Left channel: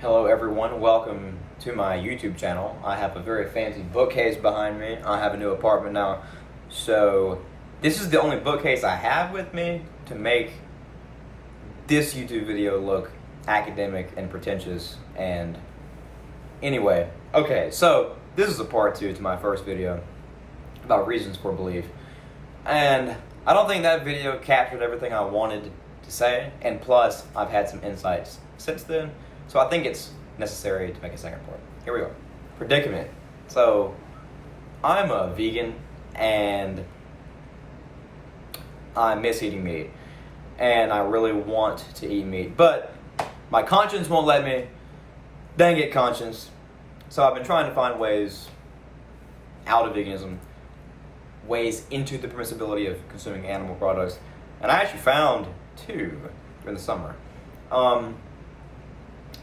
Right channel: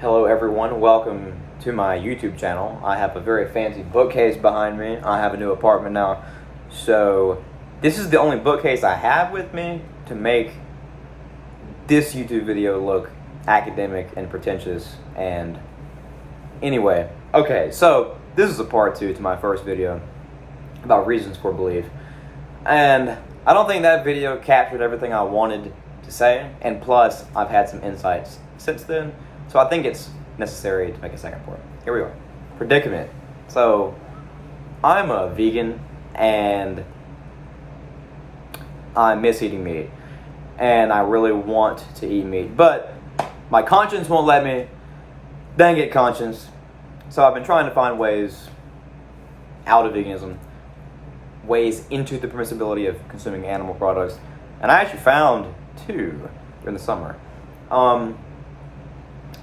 Hello everyone, welcome to my YouTube channel. I have a very fancy bookcase behind me. I have a new apartment now, so this is the only bookcase I have with me to make this YouTube video look academic and pretentious. And anyway, okay, so this is a part 2 to my first video about reasons for belief. And I don't think that video captured everything I wanted to say, and plus I've had some insights since then. So I think it's necessary to make a second part. Here we are. Predicament. So I'm a vegan and I miss eating meat. And I really want to eat meat. But my conscience won't let me. Dang it, conscience. So I've been trying to find ways out of veganism, ways into the permissibility of consuming animal products. And I actually found 2 during the summer.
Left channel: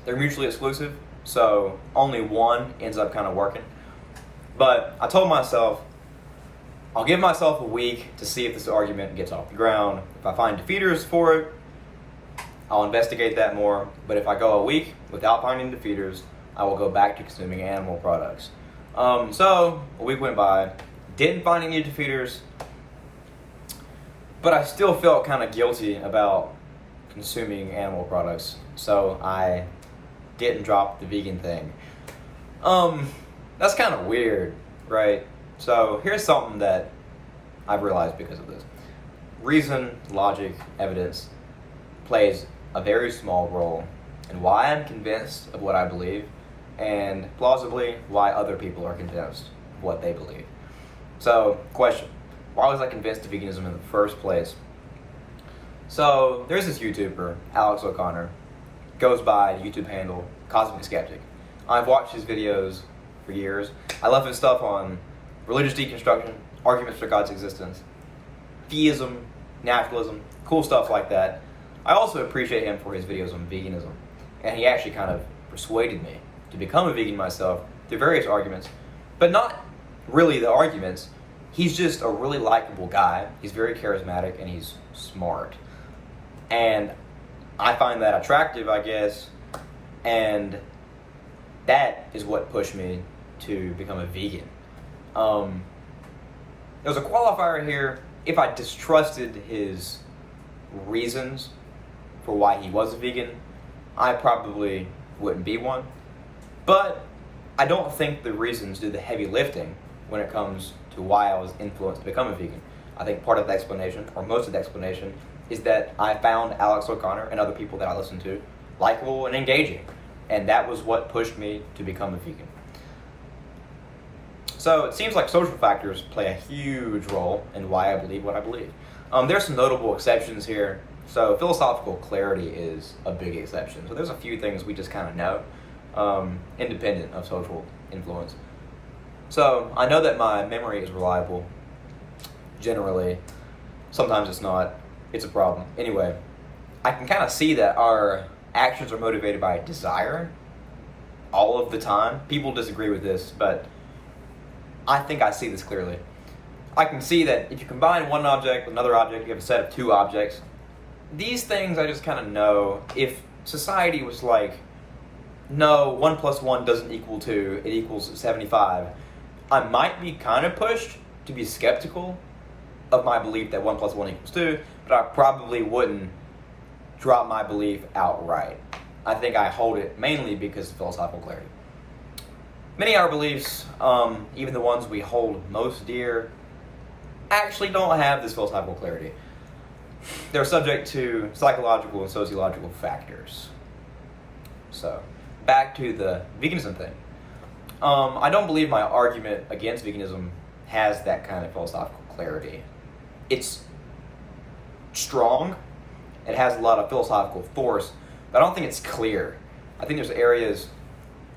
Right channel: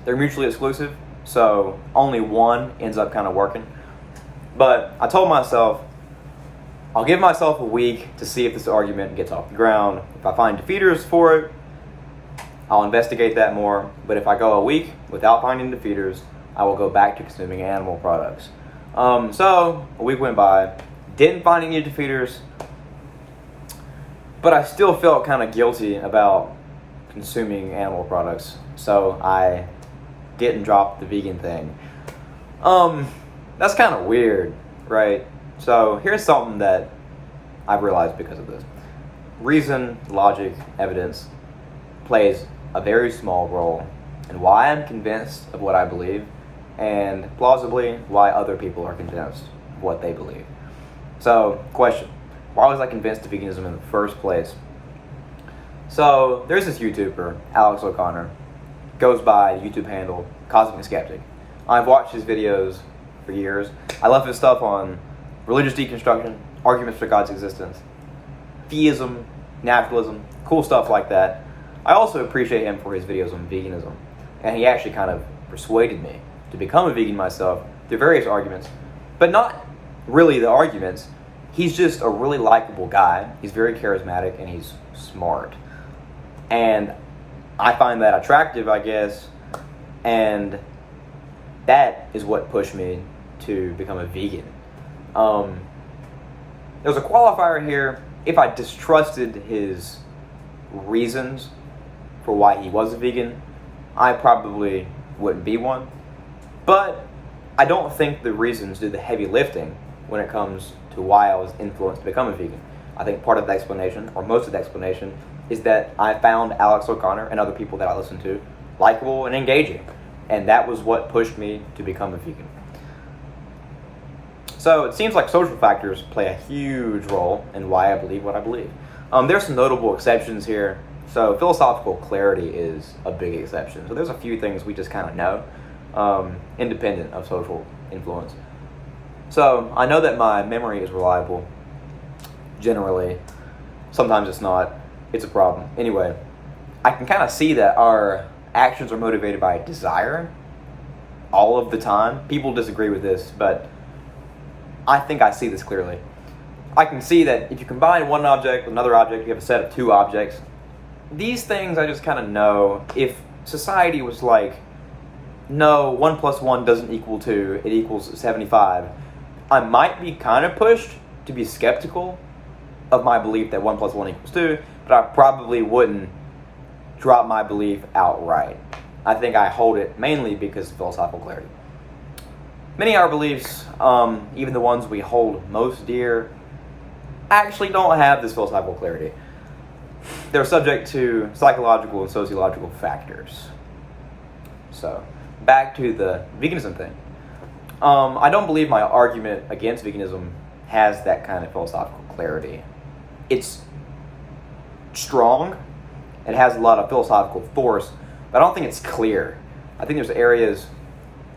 They're mutually exclusive, so only one ends up kind of working. But I told myself, I'll give myself a week to see if this argument gets off the ground. If I find defeaters for it, I'll investigate that more. But if I go a week without finding defeaters, I will go back to consuming animal products. So a week went by, didn't find any defeaters, but I still felt kind of guilty about consuming animal products. So I didn't drop the vegan thing. That's kind of weird, right? So here's something that I've realized because of this. Reason, logic, evidence plays a very small role in why I'm convinced of what I believe, and plausibly why other people are convinced of what they believe. So, question, why was I convinced of veganism in the first place? So there's this YouTuber, Alex O'Connor, goes by the YouTube handle Cosmic Skeptic. I've watched his videos for years. I love his stuff on religious deconstruction, arguments for God's existence, theism, naturalism, cool stuff like that. I also appreciate him for his videos on veganism, and he actually kind of persuaded me to become a vegan myself through various arguments, but not really the arguments. He's just a really likable guy. He's very charismatic and he's smart. And I find that attractive, I guess, and that is what pushed me to become a vegan. There's a qualifier here. If I distrusted his reasons for why he was a vegan, I probably wouldn't be one. But I don't think the reasons do the heavy lifting when it comes to why I was influenced to become a vegan. I think part of the explanation, or most of the explanation, is that I found Alex O'Connor and other people that I listen to likable and engaging. And that was what pushed me to become a vegan. So it seems like social factors play a huge role in why I believe what I believe. There's some notable exceptions here. So philosophical clarity is a big exception. So there's a few things we just kind of know, independent of social influence. So I know that my memory is reliable, generally. Sometimes it's not. It's a problem. Anyway, I can kind of see that our actions are motivated by desire all of the time. People disagree with this, but I think I see this clearly. I can see that if you combine one object with another object, you have a set of 2 objects. These things I just kind of know. If society was like, no, 1 plus 1 doesn't equal 2, it equals 75, I might be kind of pushed to be skeptical of my belief that 1 plus 1 equals 2, but I probably wouldn't drop my belief outright. I think I hold it mainly because of philosophical clarity. Many of our beliefs, even the ones we hold most dear, actually don't have this philosophical clarity. They're subject to psychological and sociological factors. So, back to the veganism thing. I don't believe my argument against veganism has that kind of philosophical clarity. It's strong, it has a lot of philosophical force, but I don't think it's clear. I think there's areas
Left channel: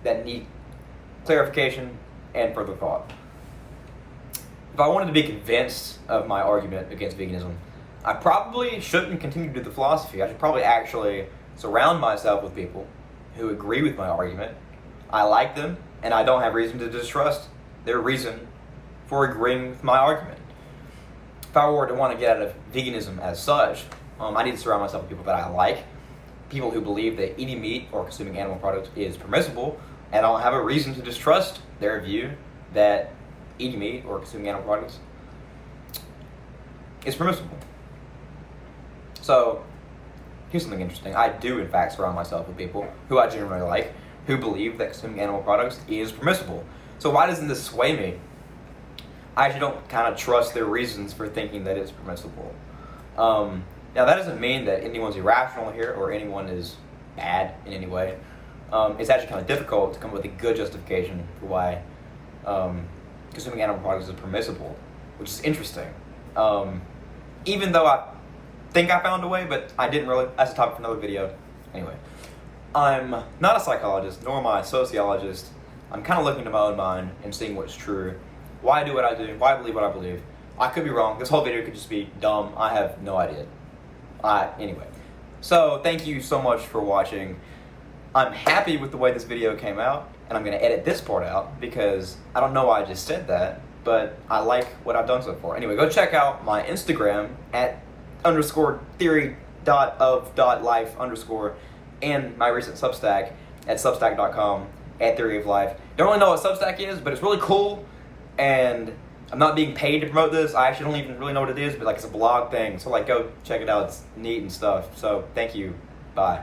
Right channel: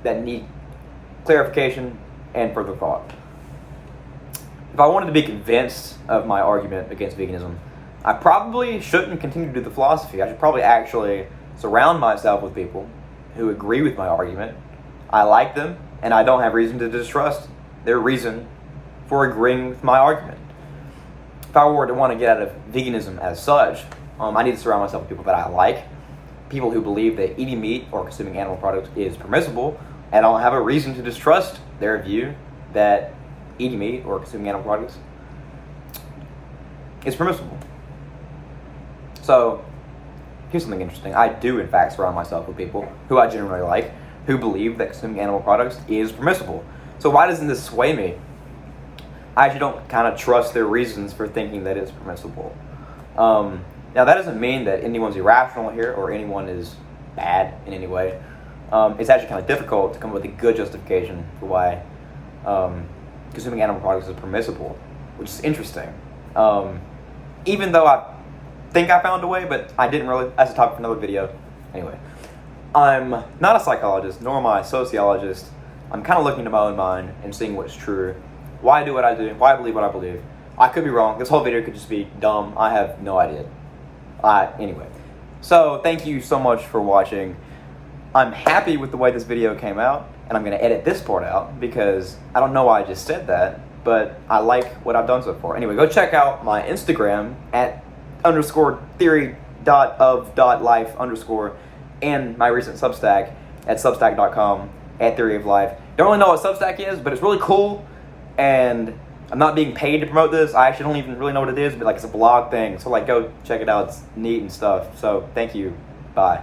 that need clarification and further thought. If I wanted to be convinced of my argument against veganism, I probably shouldn't continue to do the philosophy. I should probably actually surround myself with people who agree with my argument. I like them, and I don't have reason to distrust their reason for agreeing with my argument. If I were to want to get out of veganism as such, I need to surround myself with people that I like, people who believe that eating meat or consuming animal products is permissible, and I don't have a reason to distrust their view that eating meat or consuming animal products is permissible. So, here's something interesting. I do, in fact, surround myself with people who I generally like, who believe that consuming animal products is permissible. So why doesn't this sway me? I actually don't kind of trust their reasons for thinking that it's permissible. Now, that doesn't mean that anyone's irrational here or anyone is bad in any way. It's actually kind of difficult to come up with a good justification for why consuming animal products is permissible, which is interesting. Even though I think I found a way, but I didn't really. That's a topic for another video. Anyway, I'm not a psychologist, nor am I a sociologist. I'm kind of looking into my own mind and seeing what's true. Why I do what I do, why I believe what I believe. I could be wrong. This whole video could just be dumb. I have no idea. Anyway, so thank you so much for watching. I'm happy with the way this video came out, and I'm going to edit this part out because I don't know why I just said that, but I like what I've done so far. Anyway, go check out my Instagram at _theory.of.life_ and my recent Substack at substack.com at theoryoflife. Don't really know what Substack is, but it's really cool, and I'm not being paid to promote this. I actually don't even really know what it is, but like it's a blog thing. So like go check it out. It's neat and stuff. So thank you. Bye.